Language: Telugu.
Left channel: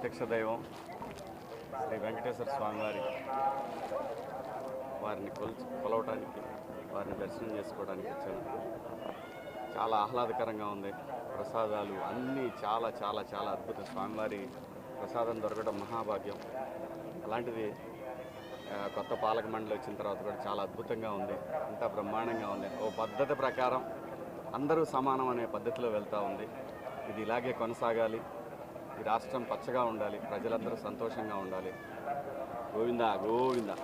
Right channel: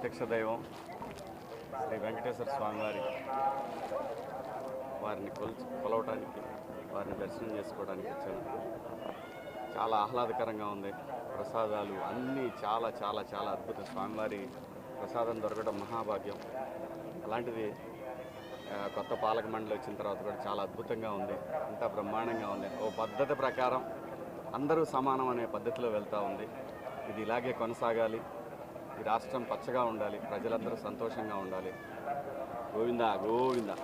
ప్రత్యక్ష దైవం శ్రీ వెంకటేశ్వర స్వామి వారిని కొలవటానికి వారిని దర్శనం చేసుకోవడానికి వచ్చాను. చాలా ఆహ్లాదకరంగా ఉంది. ప్రసాదాలు అన్నీ చాలా చాలా చాలా అద్భుతం. స్వామివారి ప్రసాదం దొరకడం మహాభాగ్యం. అలాంటిది కొత్త పాలక మండలి వచ్చిన తర్వాత కూడా చాలా అద్భుతంగా ఉంది. అంతా బ్రహ్మాండంగా ఉంది. ఓ పద్ధతి ప్రకారం అందరూ సమానం అనే పద్ధతిలో వెళ్తూ ఉంది. ఇది ఇలాగే కొనసాగాలి. ఈ రాష్ట్రం పచ్చగా ఉండాలి. ప్రజలందరూ సంతోషంగా ఉండాలి. గోవిందా గోవిందా.